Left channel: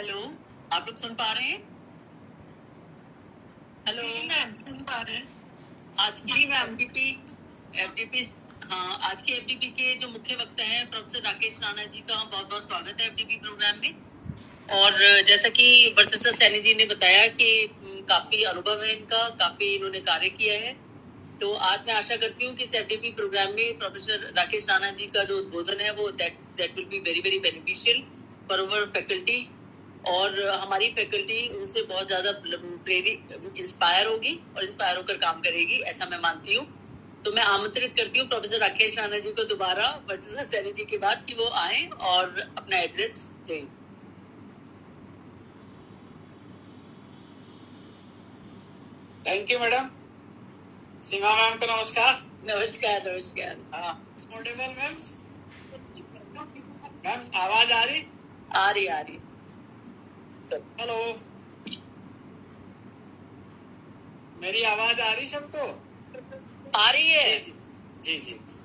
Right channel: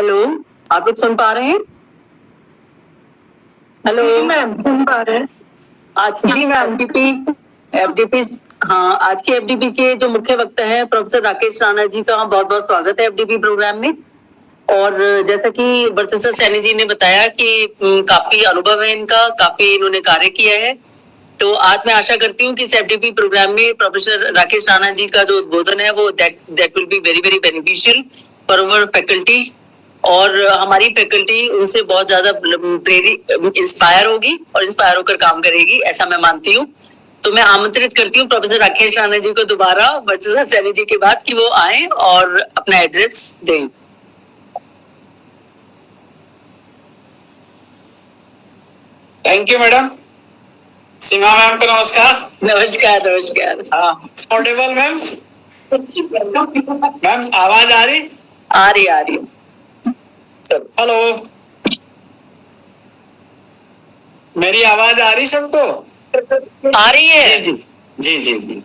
Hello, आप लोग सुन पा रहे हैं? हेलो मैम, सुन पा रहे हैं। आज की एफडीपी हाँ, आज की एफडीपी के जो मुख्य वक्ता हैं प्रोफेसर राकेश राणा जी का बहुत बहुत स्वागत है एफडीपी प्रोग्राम में। और जैसा कि वर्चस्व सैनी जी ने बताया कि काफी अनुभव है इनका, काफी इन्होंने कार्य किया है। तो आज मैं आशा करती हूँ कि इस एफडीपी प्रोग्राम में प्रोफेसर राकेश राणा जी का जो उद्बोधन है वो that will be very very beneficial for our faculty, और हमारी फैकल्टी उनसे बहुत ज्यादा प्रेरित इंस्पायर होगी और इंस्पायर होकर काम करेगी, ऐसा मैं मानती हूँ। तो मैं आमंत्रित करती हूँ प्रोफेसर राकेश राणा जी को दोबारा वर्चस्व सैनी जी के बाद कि वो आए और अपना एड्रेस दें। Thank you madam. Seema ma'am को नमस्कार। नमस्कार नमस्कार। हाँ, ऑडिबल मैम? मैम आवाज आ रही? आ रही। हेलो, मेरी आवाज आ रही सबको? आ रही है? जी जी जी जी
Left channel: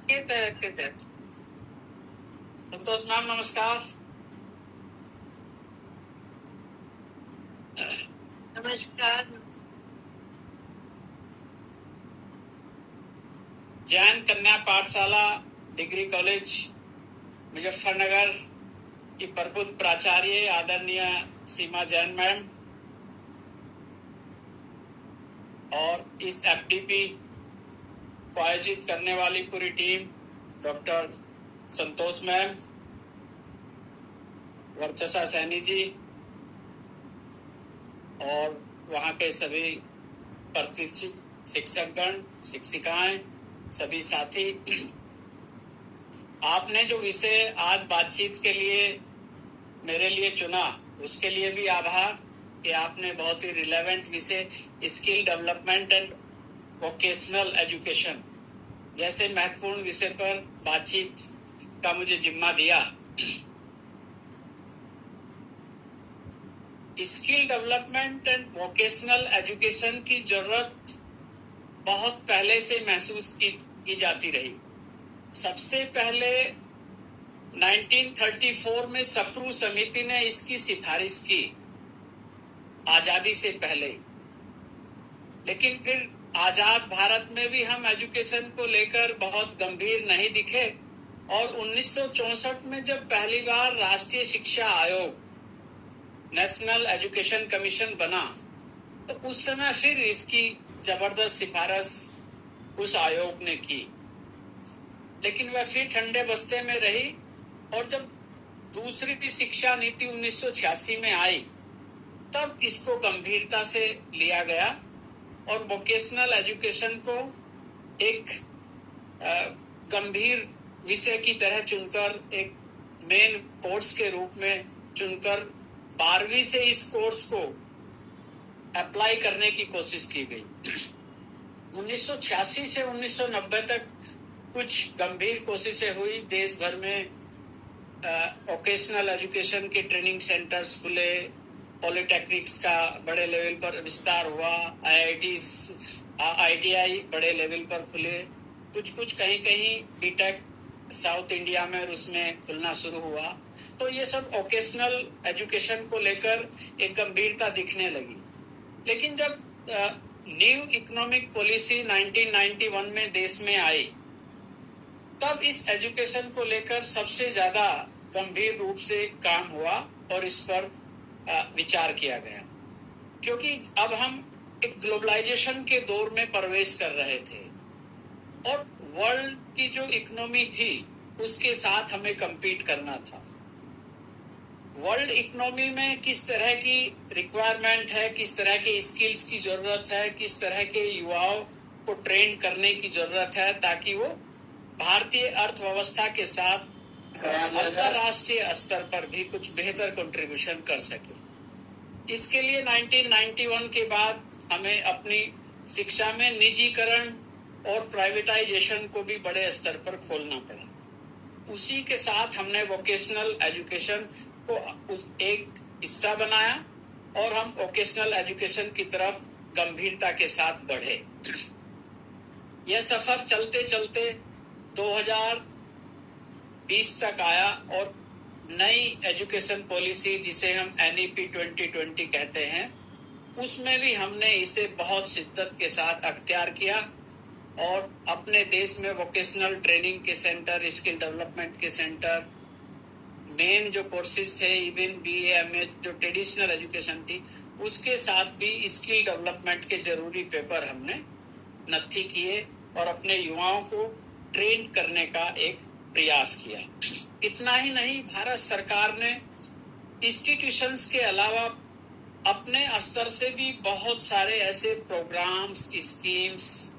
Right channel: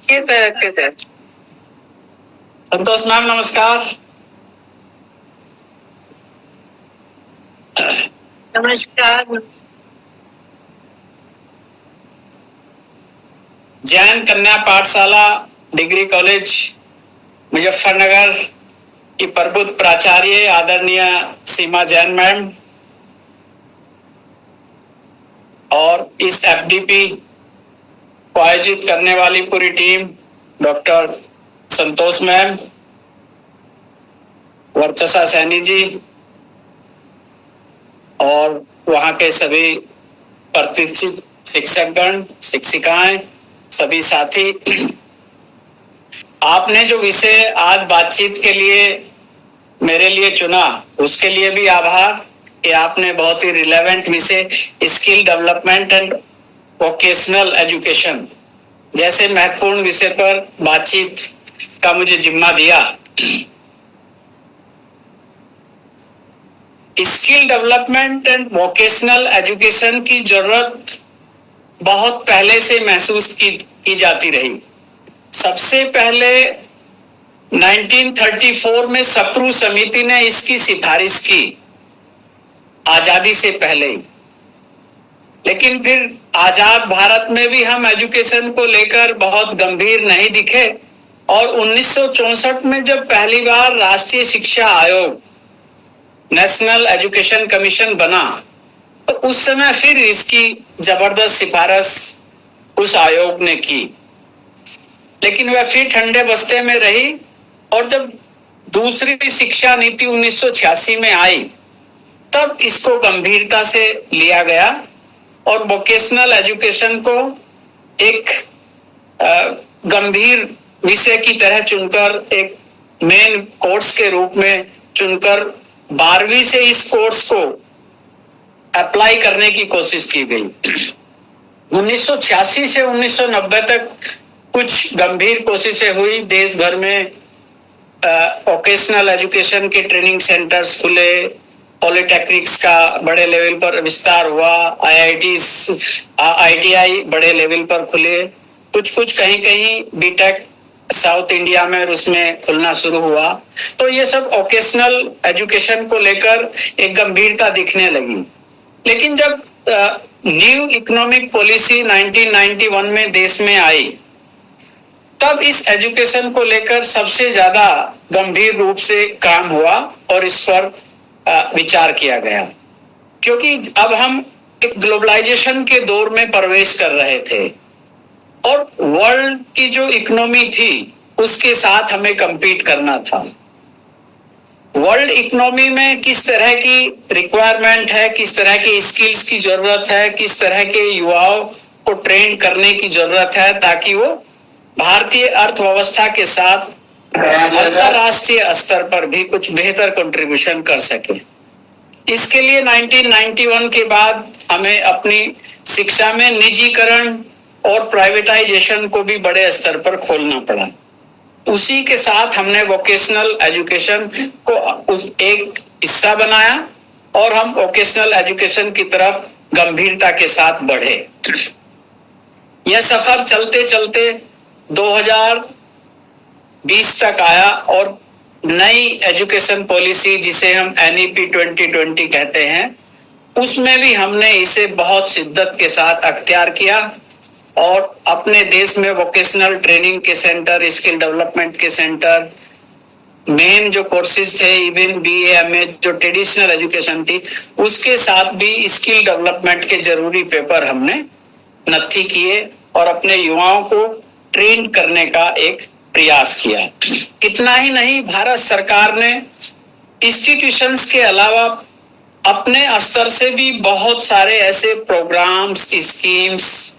सर। संतोष मैम नमस्कार। नमस्कार। जैन कन्या पाठशाला डिग्री कॉलेज मुजफ्फरनगर की प्रबुद्ध प्राचार्य आदरणीय सीमा जैन मैम और इस एफडीपी को आयोजित करने वाली पूरी टीम, डॉक्टर संतोष मैम, वर्चस्व सैनी जी और वहां के सभी प्रतिष्ठित शिक्षकगण, शिक्षिकाएं, सभी साथी, आपने जो विषय आज बातचीत के लिए मेरे लिए चुना उसके लिए भी आभार कि आपने बहुत ही रिलेवेंट विषय skill development and vocational education जैसे महत्वपूर्ण विषय पर बातचीत का मुझे जिम्मा दिया। Skill development and vocational education की जरूरत बहुत पहले से महसूस की जाती रही। सबसे पहले 1934 में सप्रू समिति ने इसकी सिफारिश की, आजादी से पहले ही। लेकिन फिर आजाद भारत में भी हम एजुकेशन को लेकर बहुत गंभीर नहीं दिखे, और 1964 में जब पहली बार राष्ट्रीय शिक्षा आयोग, नेशनल एजुकेशन कमीशन बना, तो उस समय फिर इसकी जबरदस्त सिफारिश उस आयोग ने की, लेकिन वह फिर ठंडे बस्ते में रही। और जब दूसरी शिक्षा नीति 1986 में आई, तब इसको गंभीरता से लिया गया और वोकेशनल एजुकेशन को एक गंभीर विषय की तरह चुनकर, एक मेन कोर्स के रूप में चुनकर 12वीं से इस कोर्स को अप्लाई करने की कोशिश की गई। 1986 से 1990 तक कुछ गंभीर कोशिशें हुई। देश भर में वोकेशनल एजुकेशन के ट्रेनिंग सेंटर्स खुले, पॉलिटेक्निक्स का बड़े लेवल पर विस्तार हुआ, आईटीआई बड़े लेवल पर खुले, कुछ कहीं कहीं बीटेक साउथ इंडिया में और उसमें खुलना शुरू हुआ। तो ये सब वोकेशनल एजुकेशन को लेकर एक गंभीरता दिखने लगी। लेकिन जब न्यू इकोनॉमिक पॉलिसी 1991 में देश में आई, तब इस एजुकेशन को लेकर सबसे ज्यादा गंभीर रूप से काम हुआ और इस पर विचार किया गया, क्योंकि अब हम एक ग्लोबलाइजेशन के दौर में प्रवेश कर रहे थे और वर्ल्ड की जो इकोनॉमी थी उसके साथ हमें compete करना था। वर्ल्ड इकोनॉमी में किस तरह की रिक्वायरमेंट है, किस तरह की स्किल्स की जरूरत है, किस तरह के युवाओं को ट्रेन करने की जरूरत है, ताकि वो भारतीय अर्थव्यवस्था के साथ अंतरराष्ट्रीय स्तर पर भी कुछ बेहतर कंट्रीब्यूशन कर सके। इसके लिए 1991 के बाद हमें अपनी शिक्षा में निजीकरण और प्राइवेटाइजेशन को भी बड़े स्तर पर खोलना पड़ा। उसी के साथ हमने वोकेशनल एजुकेशन को उस एक हिस्सा बनाया और हम वोकेशनल एजुकेशन की तरफ गंभीरता के साथ बढ़े। यह सफर चलते चलते 2020 तक आया और नई एजुकेशन पॉलिसी जिसे हम NEP 2020 कहते हैं, उसमें भी हमने इसे बहुत शिद्दत के साथ अख्तियार किया और अपने देश में वोकेशनल ट्रेनिंग के सेंटर, स्किल डेवलपमेंट के सेंटर, मेन जो कोर्सेज थे, इवन BA MA जो ट्रेडिशनल एजुकेशन थी, उसके साथ भी स्किल डेवलपमेंट के जरूरी पेपर हमने नत्थी किए और अपने युवाओं को ट्रेन करने का एक प्रयास किया। इतना ही नहीं, भारत सरकार ने इंस्टीट्यूशंस के अलावा अपने स्तर से भी बहुत सारे ऐसे प्रोग्राम्स, स्कीम्स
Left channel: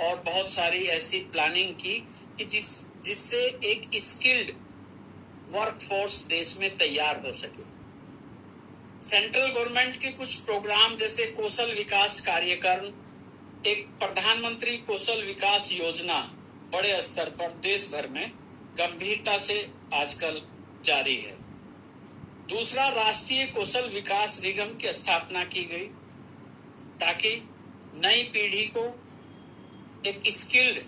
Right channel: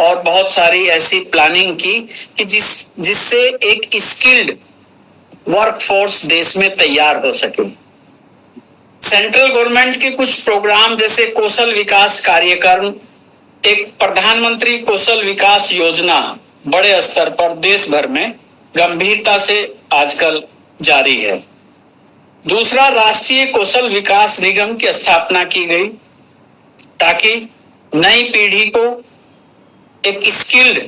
और बहुत सारी ऐसी प्लानिंग की कि जिससे एक स्किल्ड वर्कफोर्स देश में तैयार हो सके। सेंट्रल गवर्नमेंट के कुछ प्रोग्राम जैसे कौशल विकास कार्यक्रम, एक प्रधानमंत्री कौशल विकास योजना बड़े स्तर पर देश भर में गंभीरता से आजकल जारी है। दूसरा, राष्ट्रीय कौशल विकास निगम की स्थापना की गई ताकि नई पीढ़ी को एक स्किल्ड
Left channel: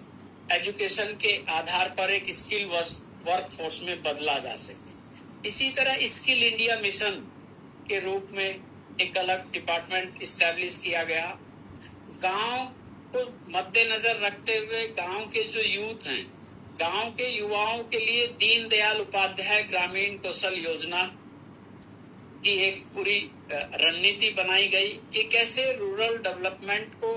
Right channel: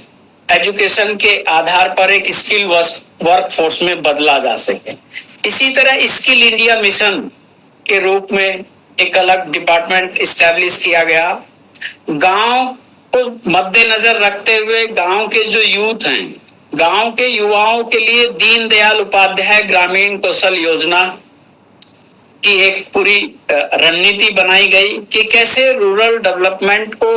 एजुकेशन के आधार पर एक स्किल वर्कफोर्स में बदला जा सके। इसी तरह स्किल इंडिया मिशन के रूप में एक अलग डिपार्टमेंट इस्टेब्लिश किया गया। गांव को मद्देनजर रखते हुए गांव के जो यूथ हैं, गांव के युवाओं के लिए दीनदयाल उपाध्याय ग्रामीण कौशल योजना की एक पूरी रणनीति बनाई गई कि कैसे रूरल डेवलपमेंट को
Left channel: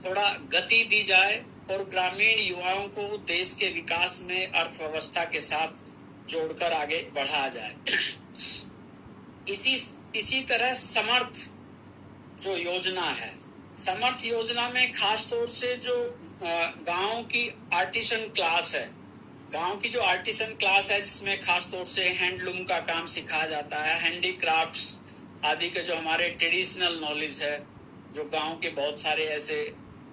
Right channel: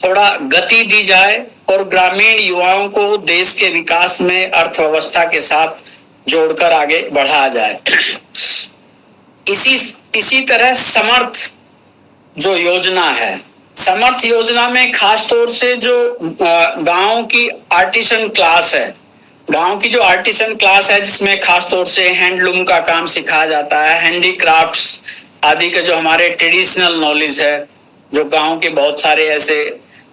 थोड़ा गति दी जाए और ग्रामीण युवाओं को देश के विकास में अर्थव्यवस्था के साथ जोड़कर आगे बढ़ाया जाए। इसी तरह समर्थ जो योजना है, समर्थ योजना में खास तौर से जो गांव की आर्टिसन क्लास है, गांव की जो आर्टिसन क्लास है जिसमें खास तौर से हैंडलूम का काम सिखाया जाता है, हैंडीक्राफ्ट्स आदि के जो हमारे ट्रेडिशनल नॉलेज है, जो गांव के बहुत सारे ऐसे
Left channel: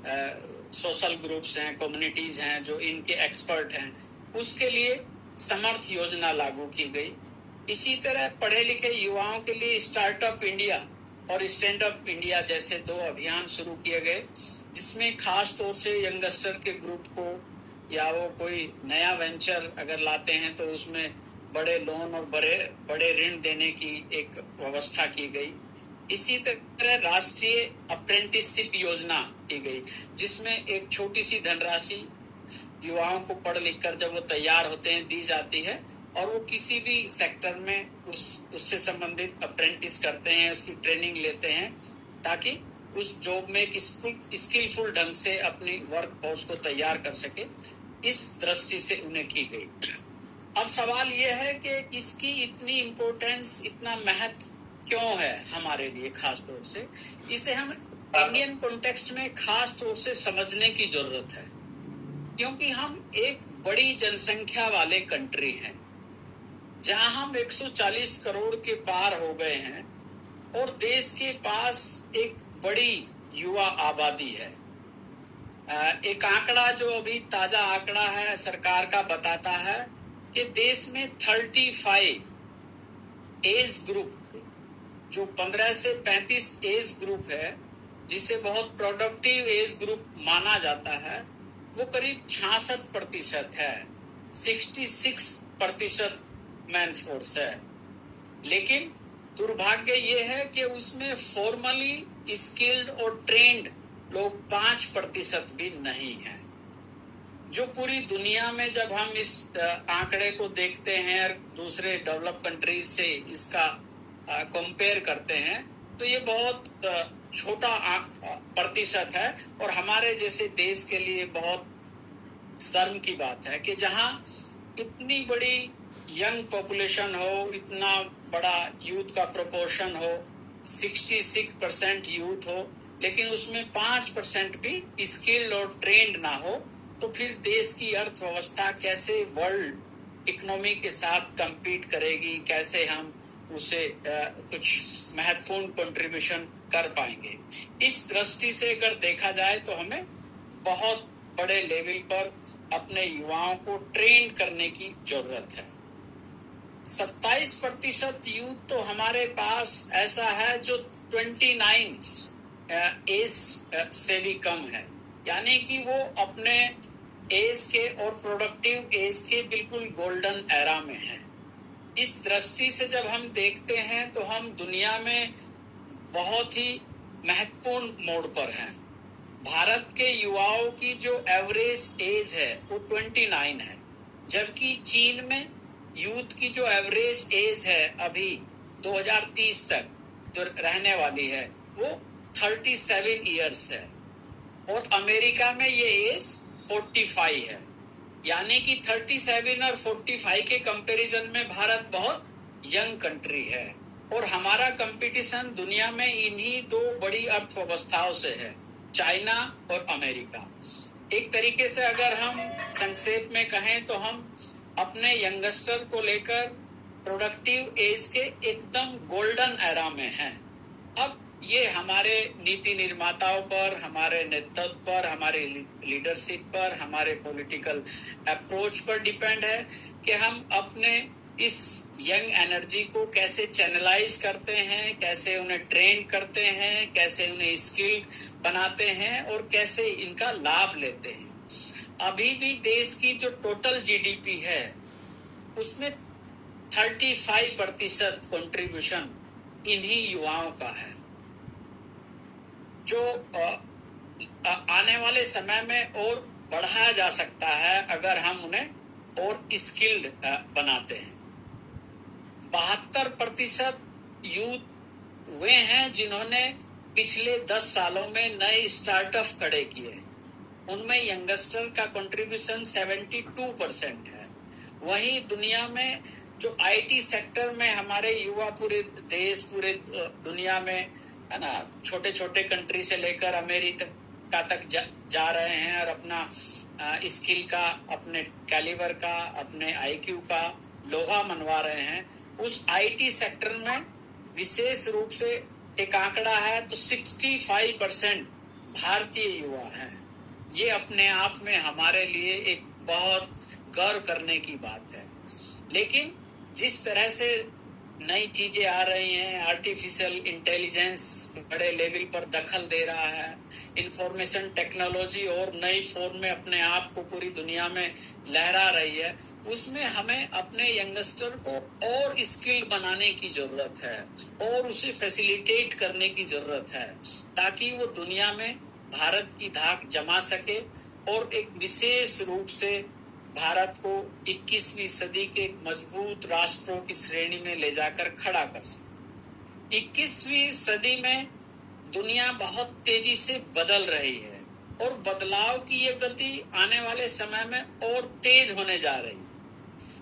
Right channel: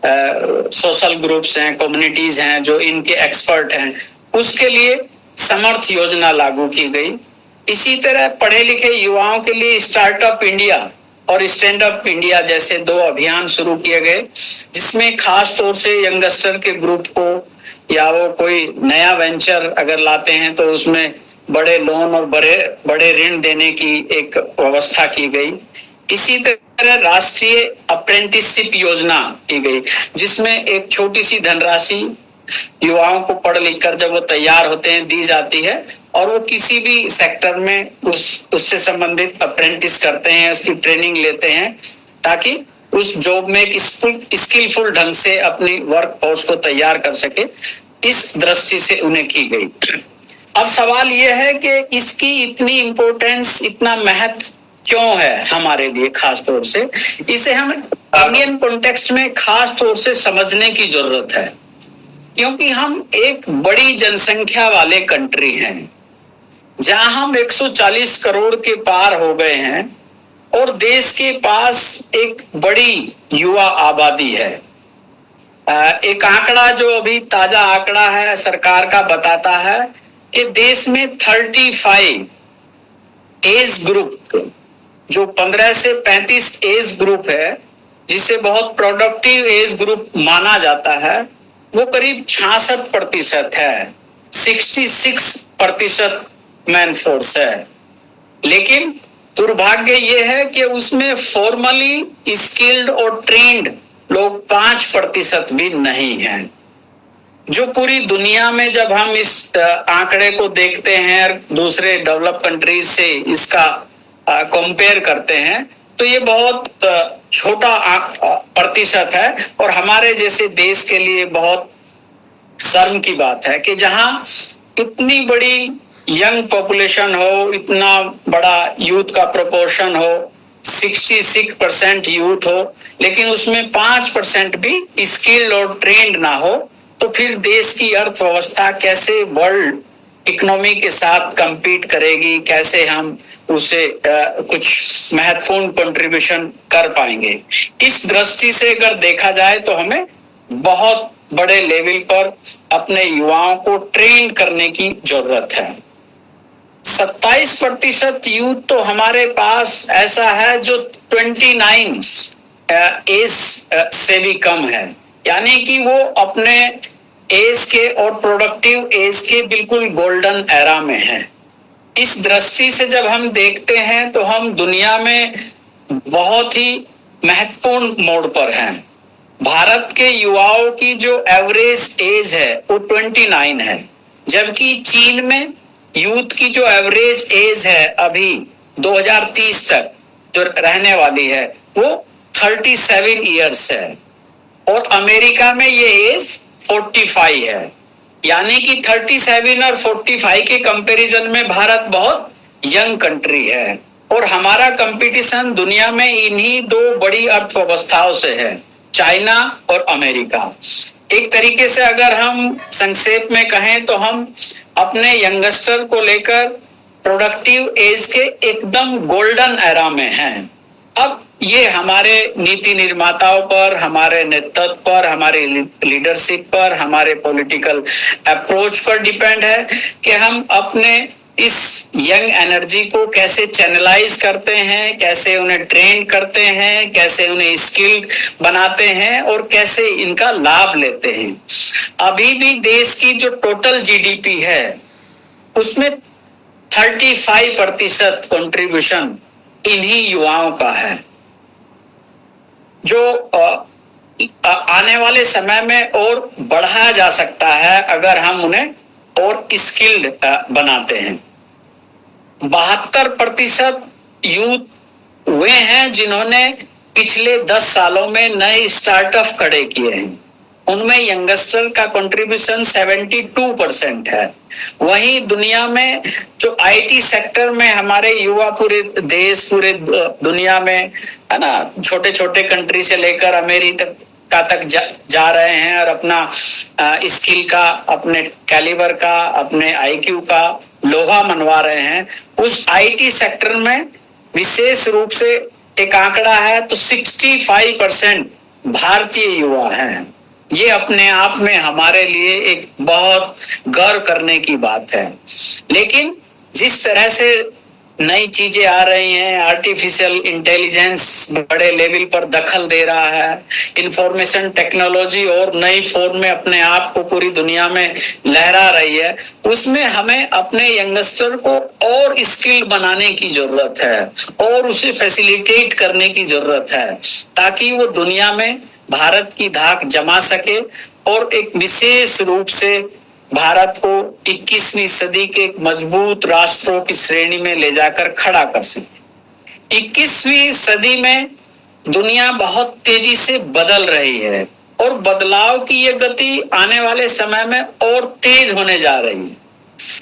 सोशल ग्रुप्स हैं, कम्युनिटीज हैं जो इनके एक्सपर्ट हैं, उसके लिए समर्थ योजना लागू की गई। इसी तरह पढ़े लिखे युवाओं के लिए स्टार्टअप इंडिया और स्टैंड अप इंडिया जैसे 2 अभियान शुरू किए गए, जिसमें खास तौर से यंगस्टर के ग्रुप को या वो कोई नया वेंचर अगर लाते हैं तो उसमें बड़े लोन और बड़े ऋण देने की एक व्यवस्था की गई। इसी तरह राष्ट्रीय अप्रेंटिसशिप योजना की गई, जिसमें एक छोटी सी धनराशि युवाओं को पढ़ लिख कर जब वो तैयार होते हैं दी जाती है और वो किसी भी सेक्टर में उससे संबंधित अप्रेंटिस करते हैं, उसकी ट्रेनिंग लेते हैं ताकि उस जॉब में एक स्किलफुल ढंग से अपनी वर्क फोर्स को तैयार कर सके। इस दृष्टि से उन्हें की गई। अब सवाल यह है कि इसकी इतनी इम्पोर्टेंस, इतना महत्व क्यों है हमारे लिए खास तौर से? इसे हम इंडियन कॉन्टेक्स्ट में खास तौर से समझने की जरूरत है, क्योंकि हम एक बड़ी जनसंख्या वाले कंट्री हैं जहां हम 140 करोड़ के पार हो गए हैं और देश के पास एक बड़ी युवा आबादी है। एक आंकड़ा जो अभी ताजा आंकड़ा है सरकार का बताता है कि देश में 35 एज ग्रुप, जो 15 से 35 एज ग्रुप है, जिसे बहुत प्रोडक्टिव एज ग्रुप माना जाता है, वो करीब 66% है, 66% मैन फोर्स है। लेकिन दुर्भाग्य ये है कि उसमें फॉर्मली स्किल्ड और ट्रेन्ड लोग 5% भी नहीं हैं। जो पूरी दुनिया में जब हम इस आंकड़े को देखते हैं दूसरे डेवलप कंट्रीज से इसका कंपेयर करते हैं तो ये बहुत छोटा प्रतिशत है और हमारे जैसे देश के लिए बहुत शर्म की बात है कि जहां इतनी बड़ी यंग पॉपुलेशन हो, इतना बड़ा यूथ का प्रोपोर्शन हो, 66% यूथ हो, लेकिन उसमें 5% भी स्किल्ड और ट्रेंड ना हो, तो फिर देश की अर्थव्यवस्था कैसे वर्ल्ड इकोनॉमी के साथ compete करेगी, कैसे हम उसे कुछ महत्वपूर्ण कंट्रीब्यूशन कर पाएंगे। इस दृष्टि से अगर देखा जाए तो हमें बहुत बड़े लेवल पर अपने युवाओं को ट्रेन करने की जरूरत है। 27% यूथ तो हमारे पास ऐसा है जो 29 एज से भी कम है, यानी कि वो अपने एज के और प्रोडक्टिव एज के बिल्कुल गोल्डन एरा में है। इस दृष्टि से जब हम देखते हैं तो हम दुनिया में बहुत ही महत्वपूर्ण मोड़ पर हैं। भारत के युवाओं की जो एवरेज एज है वो 29 है, जबकि चीन में यूथ की जो एवरेज एज है अभी 2030 तक जो रहने वाली है वो 37 इयर्स है, और अमेरिका में ये एज 45 है। यानी कि 37 और 45 के कंपैरिजन में भारत बहुत यंग कंट्री है, और हमारा कंपटीशन दुनिया में इन्हीं दो बड़ी अर्थव्यवस्थाओं से है, चाइना और अमेरिका। एक तरीके से अगर हम संक्षेप में कहें तो हम अपने यंगस्टर को लेकर प्रोडक्टिव एज के एकदम गोल्डन एरा में हैं। अब ये हमारे नीति निर्माताओं पर, हमारे नेतृत्व पर, हमारे लीडरशिप पर, हमारे पॉलिटिकल अप्रोच पर डिपेंड है कि हम अपने इस यंग एनर्जी को कैसे चैनलाइज करते हैं, कैसे उन्हें ट्रेन करते हैं, कैसे उन्हें स्किल बनाते हैं और कैसे इनका लाभ लेते हैं। अभी भी देश की जो टोटल जीडीपी है उसमें 35% कंट्रीब्यूशन इन्हीं युवाओं का है, जो आने वाले समय में और बढ़ाया जा सकता है अगर हम उन्हें और स्किल्ड बनाते हैं। 72% यूथ वे हैं जिन्होंने पिछले 10 सालों में नए स्टार्टअप खड़े किए हैं, उनमें यंगस्टर का कंट्रीब्यूशन 72% है। वहीं दुनिया में जो आईटी सेक्टर में हमारे युवा पूरे देश, पूरे दुनिया में है ना, छोटे छोटे कंट्री से लेकर अमेरिका तक जा रहे हैं और अपना स्किल का, अपने कैलिबर का, अपने आईक्यू का लोहा मनवा रहे हैं। उस आईटी सेक्टर में विशेष रूप से एक आंकड़ा है तो 65% भारतीय युवा हैं। ये अपने आप में हमारे लिए एक बहुत गर्व करने की बात है। लेकिन जिस तरह से नई चीजें आ रही हैं, आर्टिफिशियल इंटेलिजेंस बड़े लेवल पर दखल दे रहा है, इंफॉर्मेशन टेक्नोलॉजी और नई फॉर्म में अपने आप को पूरी दुनिया में लहरा रही है, उसमें हमें अपने यंगस्टर को और स्किल बनाने की जरूरत है और उसे फैसिलिटेट करने की जरूरत है, ताकि वो दुनिया में भारत की धाक जमा सके और एक विशेष रूप से भारत को 21वीं सदी के एक मजबूत राष्ट्रों की श्रेणी में ले जाकर खड़ा कर सके। 21वीं सदी में दुनिया बहुत तेजी से बदल रही है और बदलाव की ये गति आने वाले समय में और तेज होने जा रही है,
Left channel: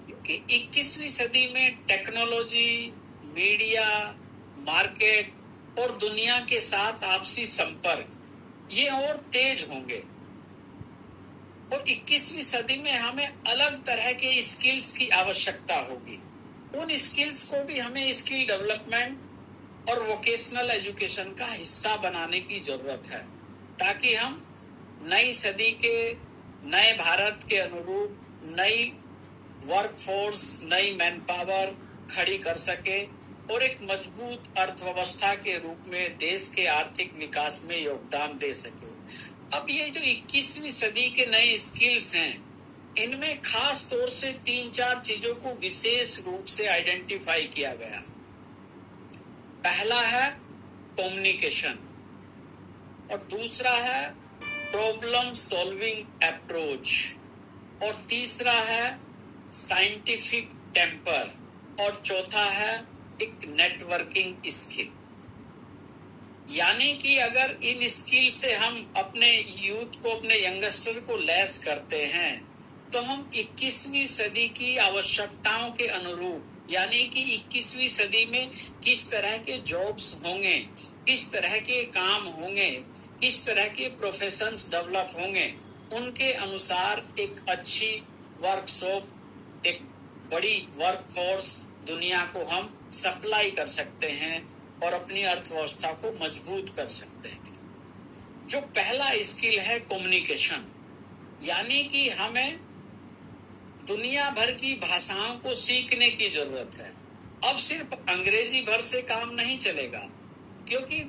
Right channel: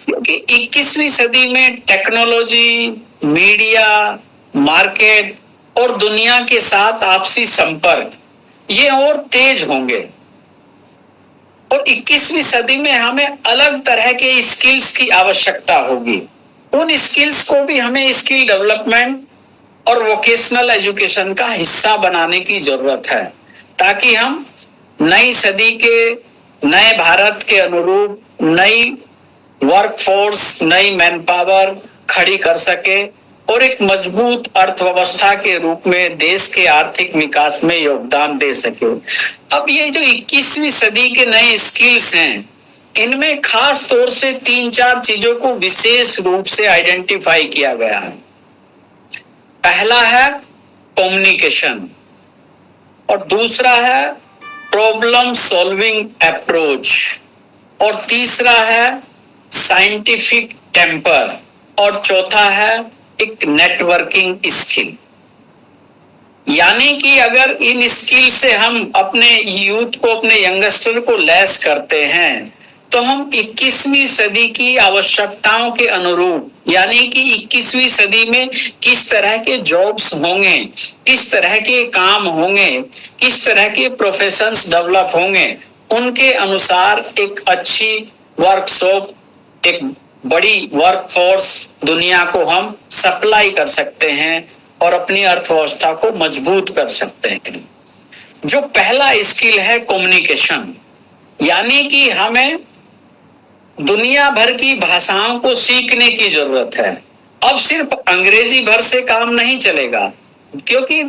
क्योंकि 21वीं सदी में टेक्नोलॉजी, मीडिया, मार्केट और दुनिया के साथ आपसी संपर्क ये और तेज होंगे, और 21वीं सदी में हमें अलग तरह के स्किल्स की आवश्यकता होगी। उन स्किल्स को भी हमें स्किल डेवलपमेंट और वोकेशनल एजुकेशन का हिस्सा बनाने की जरूरत है, ताकि हम नई सदी के नए भारत के अनुरूप नई वर्कफोर्स, नई मैन पावर खड़ी कर सके और एक मजबूत अर्थव्यवस्था के रूप में देश के आर्थिक विकास में योगदान दे सके। अब ये जो 21वीं सदी के नए स्किल्स हैं, इनमें खास तौर से 3-4 चीजों को विशेष रूप से आइडेंटिफाई किया गया है। पहला है कम्युनिकेशन, और दूसरा है प्रॉब्लम सॉल्विंग अप्रोच, और तीसरा है साइंटिफिक टेम्पर, और चौथा है एक नेटवर्किंग स्किल। यानी कि अगर इन स्किल से हम अपने यूथ को, अपने यंगस्टर को लैस करते हैं तो हम 21वीं सदी की आवश्यकताओं के अनुरूप, यानी कि 21वीं सदी में किस तरह के जॉब्स होंगे, किस तरह के काम होंगे, किस तरह के प्रोफेशंस डेवलप होंगे, उनके अनुसार एक अच्छी वर्कशॉप, एक बड़ी वर्कफोर्स दुनिया को हम सप्लाई कर सकते हैं और अपनी अर्थव्यवस्था को मजबूत कर सकते हैं। जो पहला स्किल है कम्युनिकेशन, यानी कि हमें दुनिया भर की भाषाओं को सीखने की जरूरत है। अब सिर्फ अंग्रेजी भर से काम नहीं चलेगा, क्योंकि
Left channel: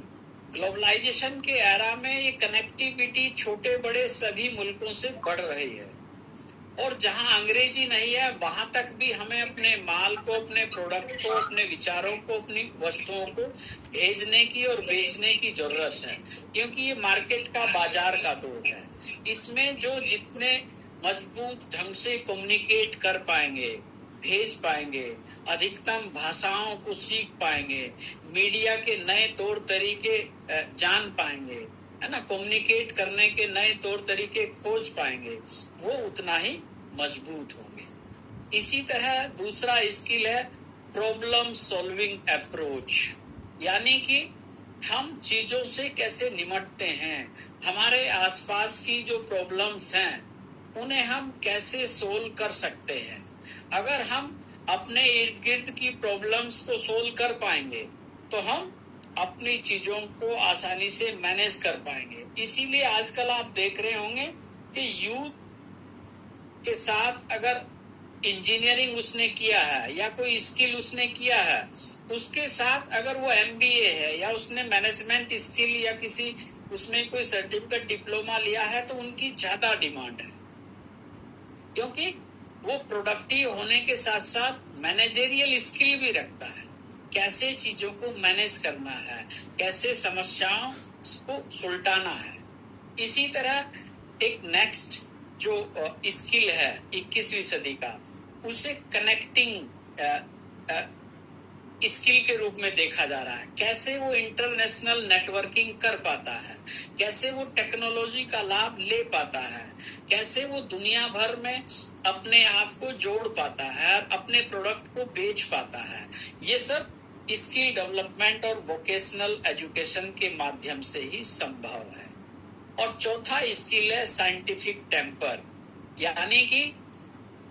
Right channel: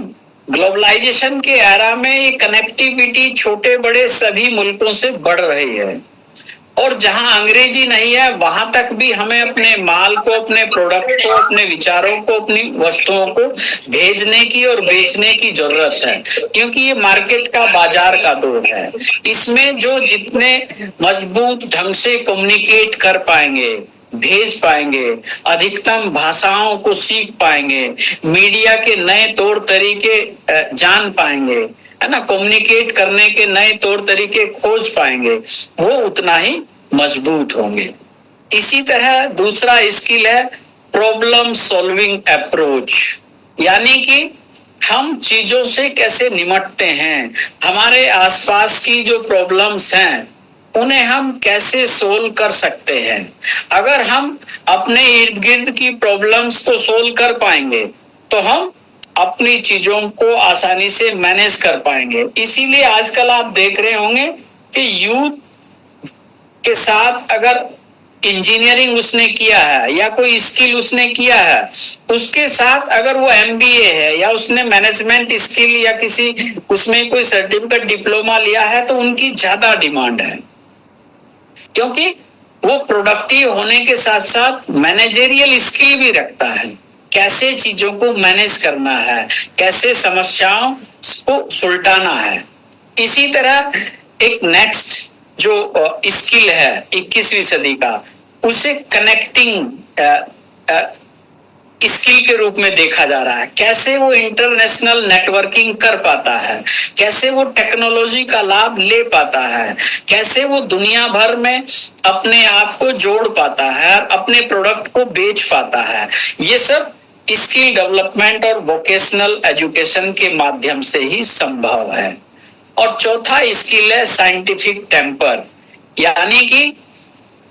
ग्लोबलाइजेशन के एरा में ये कनेक्टिविटी छोटे बड़े सभी मुल्कों से बढ़ रही है। और जहां अंग्रेजी नहीं है वहां तक भी हमें अपने माल को, अपने प्रोडक्ट को, अपने विचारों को, अपनी वस्तुओं को भेजने की और बेचने की जरूरत है, क्योंकि ये मार्केट का, बाजार का दौर है। इसमें जो जितने मजबूत ढंग से कम्युनिकेट कर पाएंगे, भेज पाएंगे, अधिकतम भाषाओं को सीख पाएंगे, मीडिया के नए तौर तरीके जान पाएंगे, है ना, कम्युनिकेट करने के नए तौर तरीके खोज पाएंगे, वो उतना ही मजबूत होंगे। इसी तरह दूसरा स्किल है प्रॉब्लम सॉल्विंग अप्रोच, यानी कि हम चीजों से कैसे निपटते हैं, हमारे आसपास की जो प्रॉब्लम्स हैं उन्हें हम कैसे सोल्व कर सकते हैं। अगर हम अपने इर्द गिर्द की प्रॉब्लम्स को सोल्व कर पाएंगे तो हम अपनी चीजों को आसानी से मैनेज कर पाएंगे। इसीलिए आजकल आप देख रहे होंगे कि यूथ के साथ अगर इंजीनियरिंग उसने किया है या कोई स्किल उसने किया है, उसके साथ अगर वो MBA है या उसने मैनेजमेंट स्किल या किसी उसमें कोई सर्टिफिकेट डिप्लोमा लिया है तो उनकी ज्यादा डिमांड है, क्योंकि वो प्रोडक्टिव होने के साथ साथ मैनेजरियल स्किल भी रखता है, कैसे चीजों को मैनेज करना है, कैसे समस्याओं को सुलटाना है। इसी तरह एक नेक्स्ट जो स्किल है 21वीं सदी का, उसे कनेक्टिंग स्किल के रूप में देखा जा रहा है। कैसे वो इंटरनेशनल नेटवर्किंग कर पाता है, कैसे वो टेक्नोलॉजी का लाभ ले पाता है, कैसे वो दुनिया भर में अपने आप को जोड़ पाता है, अपने प्रोडक्ट को बेच पाता है। ये सब स्किल डेवलपमेंट और वोकेशनल एजुकेशन के माध्यम से ही संभव है। और चौथा स्किल है साइंटिफिक टेम्पर, यानी कि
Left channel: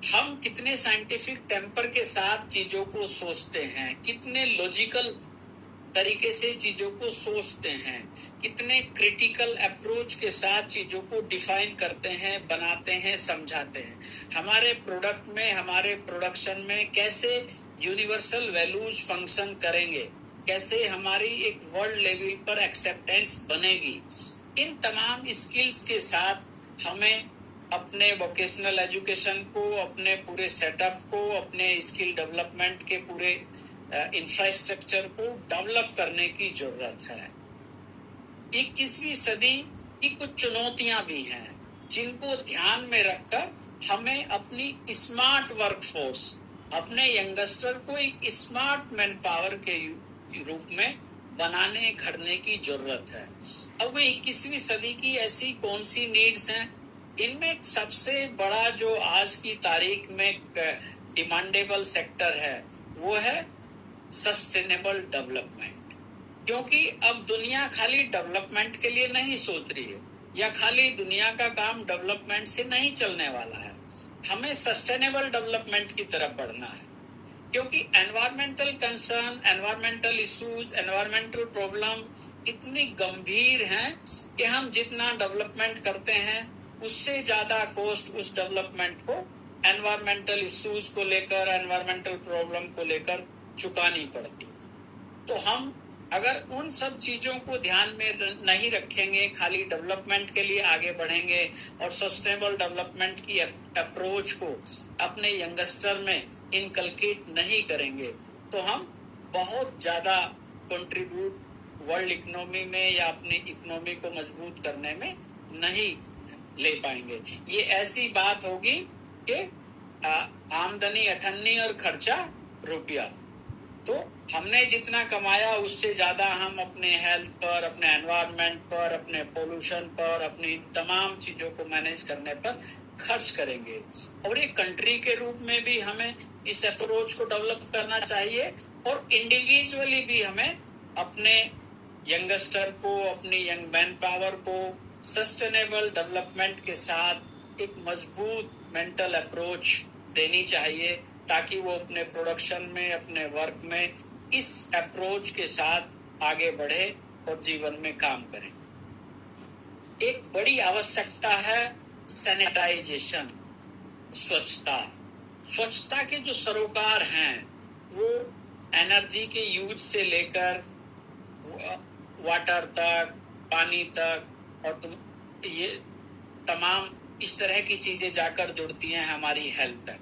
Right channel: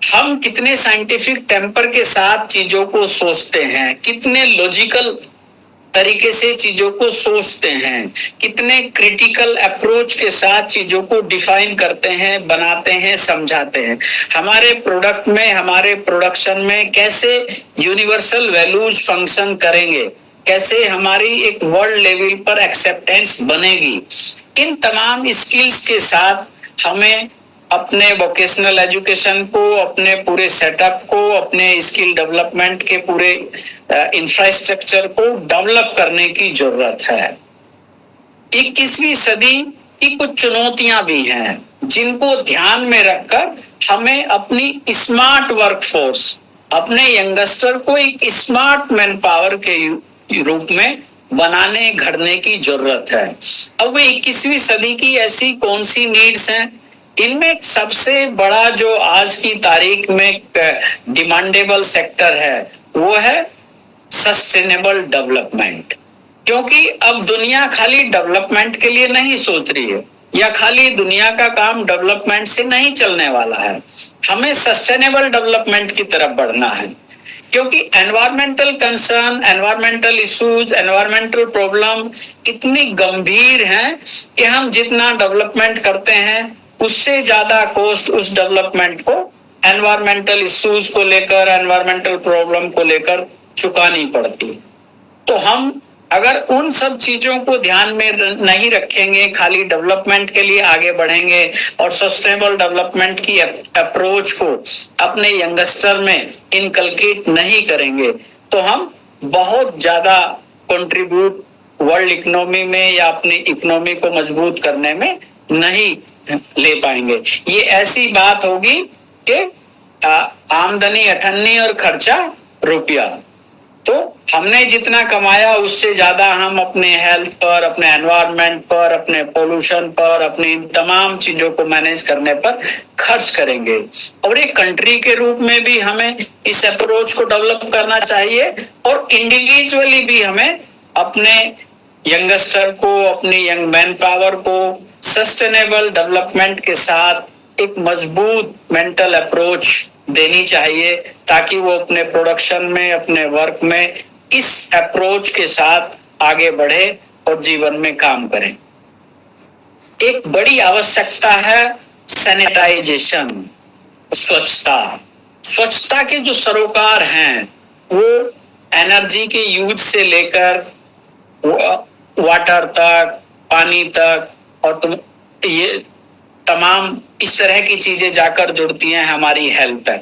हम कितने साइंटिफिक टेम्पर के साथ चीजों को सोचते हैं, कितने लॉजिकल तरीके से चीजों को सोचते हैं, कितने क्रिटिकल अप्रोच के साथ चीजों को डिफाइन करते हैं, बनाते हैं, समझाते हैं। हमारे प्रोडक्ट में, हमारे प्रोडक्शन में कैसे यूनिवर्सल वैल्यूज फंक्शन करेंगे, कैसे हमारी एक वर्ल्ड लेवल पर एक्सेप्टेंस बनेगी। इन तमाम स्किल्स के साथ हमें अपने वोकेशनल एजुकेशन को, अपने पूरे सेटअप को, अपने स्किल डेवलपमेंट के पूरे इंफ्रास्ट्रक्चर को डेवलप करने की जरूरत है। 21वीं सदी की कुछ चुनौतियां भी हैं जिनको ध्यान में रखकर हमें अपनी स्मार्ट वर्कफोर्स, अपने यंगस्टर को एक स्मार्ट मैन पावर के रूप में बनाने, घड़ने की जरूरत है। अब 21वीं सदी की ऐसी कौन सी नीड्स हैं? इनमें सबसे बड़ा जो आज की तारीख में डिमांडेबल सेक्टर है वो है सस्टेनेबल डेवलपमेंट, क्योंकि अब दुनिया खाली डेवलपमेंट के लिए नहीं सोच रही है, या खाली दुनिया का काम डेवलपमेंट से नहीं चलने वाला है। हमें सस्टेनेबल डेवलपमेंट की तरफ बढ़ना है, क्योंकि environmental concern, environmental issues, environmental problem इतनी गंभीर हैं कि हम जितना डेवलपमेंट करते हैं उससे ज्यादा कॉस्ट उस डेवलपमेंट को एनवायरमेंटल इश्यूज को लेकर, एनवायरमेंटल प्रॉब्लम को लेकर चुकानी पड़ती। तो हम अगर उन सब चीजों को ध्यान में नहीं रखेंगे, खाली डेवलपमेंट के लिए आगे बढ़ेंगे और सस्टेनेबल डेवलपमेंट की अप्रोच को अपने यंगस्टर में इनकलकेट नहीं करेंगे, तो हम बहुत ज्यादा कंट्रीब्यूट वर्ल्ड इकोनॉमी में या अपनी इकोनॉमी को मजबूत करने में नहीं ले पाएंगे। ये ऐसी बात होगी कि आमदनी 98 और खर्चा रुपया। तो हमने जितना कमाया उससे ज्यादा हम अपने हेल्थ पर, अपने एनवायरनमेंट पर, अपने पोल्यूशन पर, अपनी तमाम चीजों को मैनेज करने पर खर्च करेंगे। और एक कंट्री के रूप में भी हमें इस अप्रोच को डेवलप करना चाहिए, और इंडिविजुअली भी हमें अपने यंगस्टर को, अपनी यंग मैन पावर को सस्टेनेबल डेवलपमेंट के साथ एक मजबूत मेंटल अप्रोच देनी चाहिए, ताकि वो अपने प्रोडक्शन में, अपने वर्क में इस अप्रोच के साथ आगे बढ़े और जीवन में काम करें। एक बड़ी आवश्यकता है सैनिटाइजेशन, स्वच्छता। स्वच्छता के जो सरोकार हैं वो एनर्जी के यूज से लेकर वाटर तक, पानी तक, और ये तमाम इस तरह की चीजें जाकर जुड़ती हैं हमारी हेल्थ तक।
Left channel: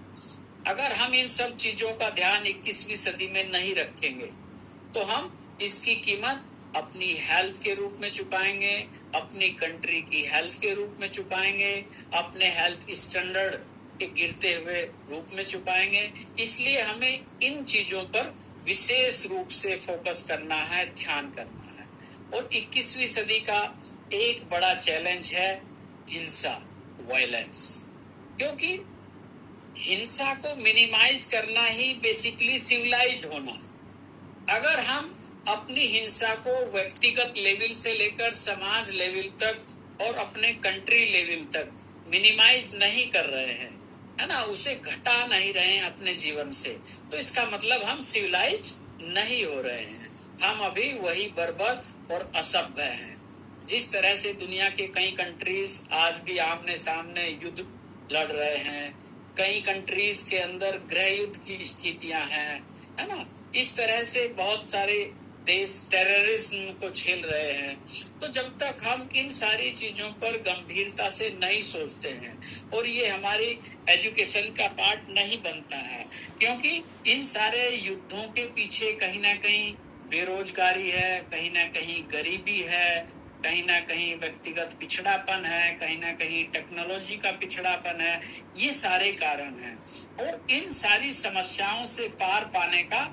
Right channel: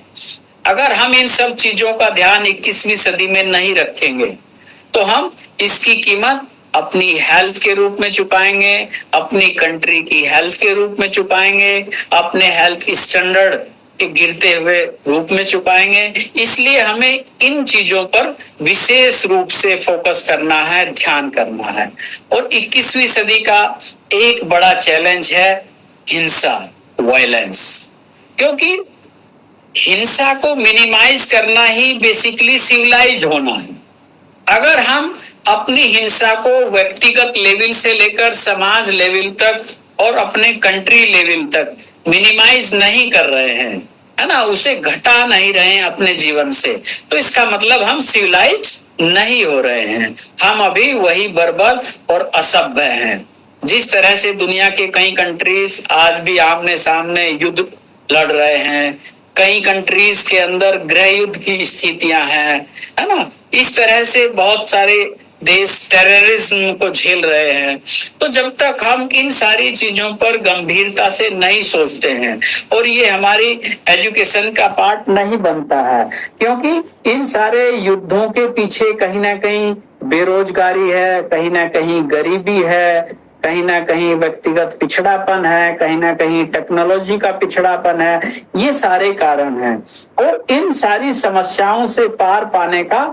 अगर हम इन सब चीजों का ध्यान 21वीं सदी में नहीं रखेंगे तो हम इसकी कीमत अपनी हेल्थ के रूप में चुकाएंगे, अपनी कंट्री की हेल्थ के रूप में चुकाएंगे, अपने हेल्थ स्टैंडर्ड के गिरते हुए रूप में चुकाएंगे। इसलिए हमें इन चीजों पर विशेष रूप से फोकस करना है, ध्यान करना है। और 21वीं सदी का एक बड़ा चैलेंज है हिंसा, वायलेंस, क्योंकि हिंसा को मिनिमाइज करना ही बेसिकली सिविलाइज्ड होना है। अगर हम अपनी हिंसा को व्यक्तिगत लेवल से लेकर समाज लेवल तक और अपने कंट्री लेवल तक मिनिमाइज नहीं कर रहे हैं, है ना, उसे घटा नहीं रहे हैं अपने जीवन से, तो इसका मतलब हम सिविलाइज्ड नहीं हो रहे हैं। हम अभी वही बर्बर और असभ्य हैं। जिस तरह से दुनिया के कई कंट्रीज आज भी आमने सामने युद्ध लड़ रहे हैं, कई कंट्रीज के अंदर गृह युद्ध की स्थितियां हैं, है ना, इस तरह से बहुत सारे देश टेररिज्म को झेल रहे हैं। तो जब तक हम इन सारी चीजों पर गंभीरता से नहीं सोचते हैं और ये हमारी एजुकेशन का पार्ट नहीं बनता है, क्योंकि इन सारे युद्धों के पीछे कहीं ना कहीं बेरोजगारी है, कहीं ना कहीं गरीबी है, कहीं ना कहीं व्यक्तिगत पिछड़ापन है, कहीं ना कहीं टेक्नोलॉजी का पिछड़ापन है, ये सारे कारण हैं। और इन सारी समस्याओं से पार पाने का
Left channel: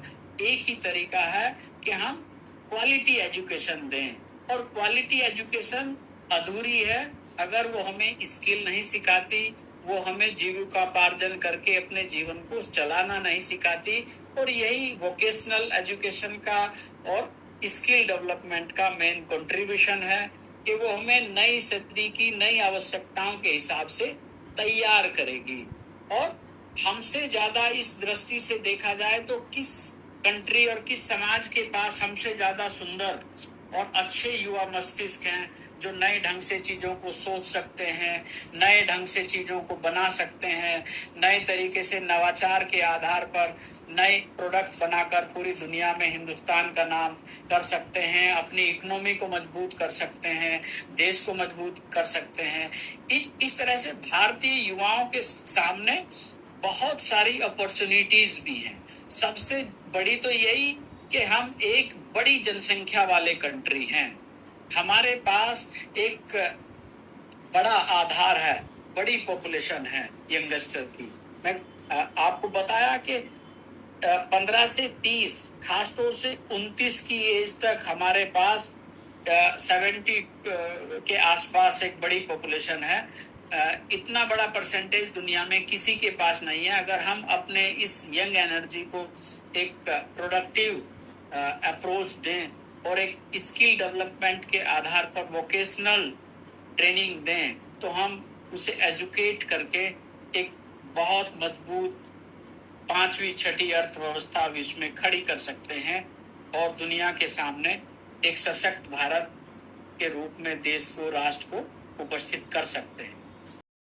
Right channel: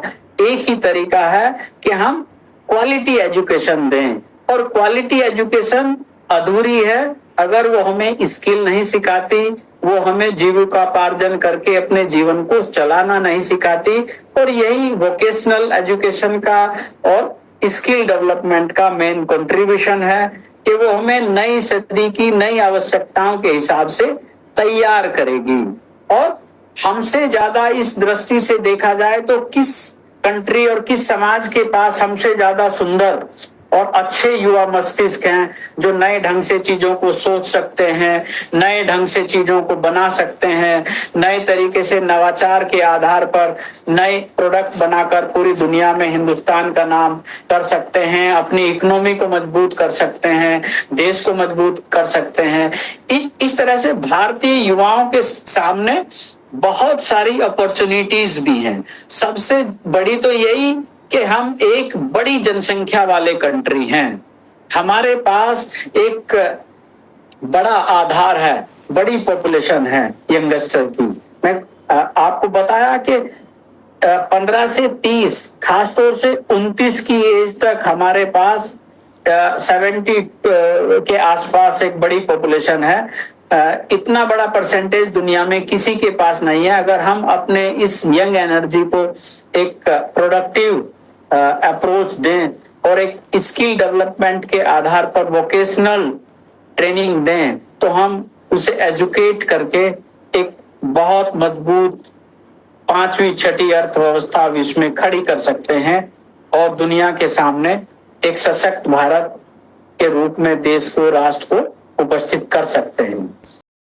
एक ही तरीका है कि हम क्वालिटी एजुकेशन दें। और क्वालिटी एजुकेशन अधूरी है अगर वो हमें स्किल नहीं सिखाती, वो हमें जीविकोपार्जन करके अपने जीवन को चलाना नहीं सिखाती। और यही वोकेशनल एजुकेशन का और स्किल डेवलपमेंट का मेन कंट्रीब्यूशन है कि वो हमें नई सदी की नई आवश्यकताओं के हिसाब से तैयार करेगी। और हमसे ज्यादा इस दृष्टि से देखा जाए तो किस कंट्री और किस समाज के पास हमसे ज्यादा सुंदर और अच्छे युवा मस्तिष्क हैं जो नए ढंग से चीजों को सोच सकते हैं, नए ढंग से चीजों को बना सकते हैं, नए तरीके से नवाचार के आधार पर नए प्रोडक्ट बनाकर पूरी दुनिया में हिंदुस्तान का नाम कर सकते हैं, अपनी इकोनॉमी को मजबूत कर सकते हैं, देश को मजबूत कर सकते हैं। इस तरह से भारतीय युवाओं के सामने बहुत सारी अपॉर्चुनिटीज भी हैं। सबसे बड़ी तो यही कि हम एक बड़ी जनसंख्या वाले कंट्री हैं, हमारे पास एक बड़ा आधार है, बड़ी पॉपुलेशन है यंगस्टर की। मैं आपको बताया कि 15 से 30, खासतौर से 29 की एज तक हमारे पास 70 के आसपास एक बड़ी पॉपुलेशन है। इतना बड़ा परसेंटेज दुनिया में किसी के पास नहीं है। अगर हम अपने इस यंग एनर्जी को एक प्रोडक्टिव अप्रोच दें और एक स्किल डेवलपमेंट के आधार पर वोकेशनल ट्रेनिंग दें तो हम उसे एजुकेट करके एक बहुत मजबूत 5वीं 6ठी अर्थव्यवस्था विश्व में खड़ी कर सकते हैं और दुनिया के सामने एक सशक्त भारत के रूप में देश को, राष्ट्र को उपस्थित कर सकते हैं।